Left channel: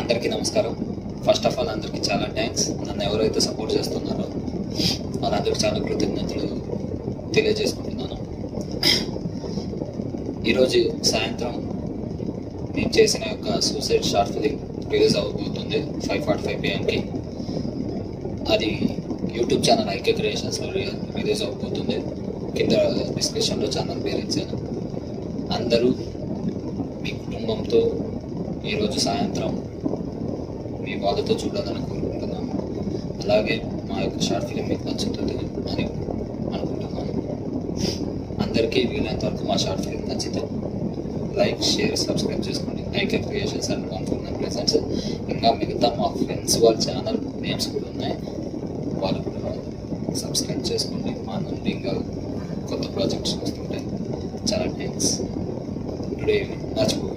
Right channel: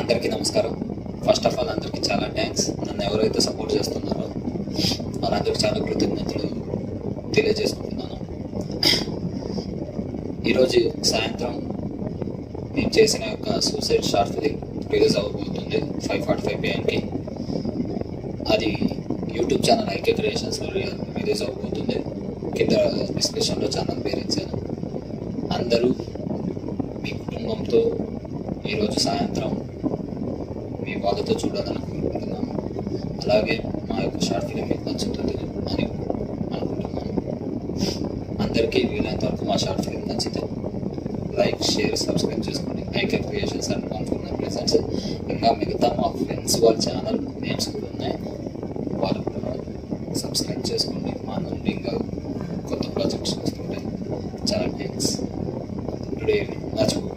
అందరికీ నమస్కారం. First of all అందరికీ చాలా థ్యాంక్స్. నన్ను ఎవరైతే సపోర్ట్ చేస్తున్నారో వాళ్ళందరికీ చాలా కృతజ్ఞతలు తెలియజేసుకుంటున్నాను. ఈరోజు సాయంత్రం నేను చేసిన యొక్క సూసైడ్ షార్ట్ ఫిలిం రిలీజ్ అవ్వబోతుంది 5:45 PM. అది YouTube channel IK creations release అవ్వబోతుంది. కింద డిస్క్రిప్షన్లో ఛానల్ పేరు ఇచ్చాను. అందరూ మీ కుటుంబంతో ఈరోజు సాయంత్రం మీ వాళ్ళతో చూడాలని కోరుకుంటున్నాను. అలాగే మా యొక్క షార్ట్ ఫిలిం మీకు నచ్చుతుంది అని అనుకుంటున్నాను. అందరికీ వీలైనంత వరకు మా షార్ట్ ఫిలిం నచ్చితే లైక్, షేర్, సబ్స్క్రైబ్ చేసుకోండి. ఐకే క్రియేషన్స్ అండ్ అనుకున్న ప్రెజెంట్స్ ఇంకా మిగతా మా ఫ్రెండ్స్ వాళ్ళ ఛానల్ నేమ్స్ కూడా ఉన్నాయి, వాళ్ళు కూడా సబ్స్క్రైబ్ చేసుకోండి. మా నుండి ఇంకా కొత్త ప్రాజెక్ట్స్ వస్తుంటాయి. చాలా థ్యాంక్స్. టుడే మర్చిపో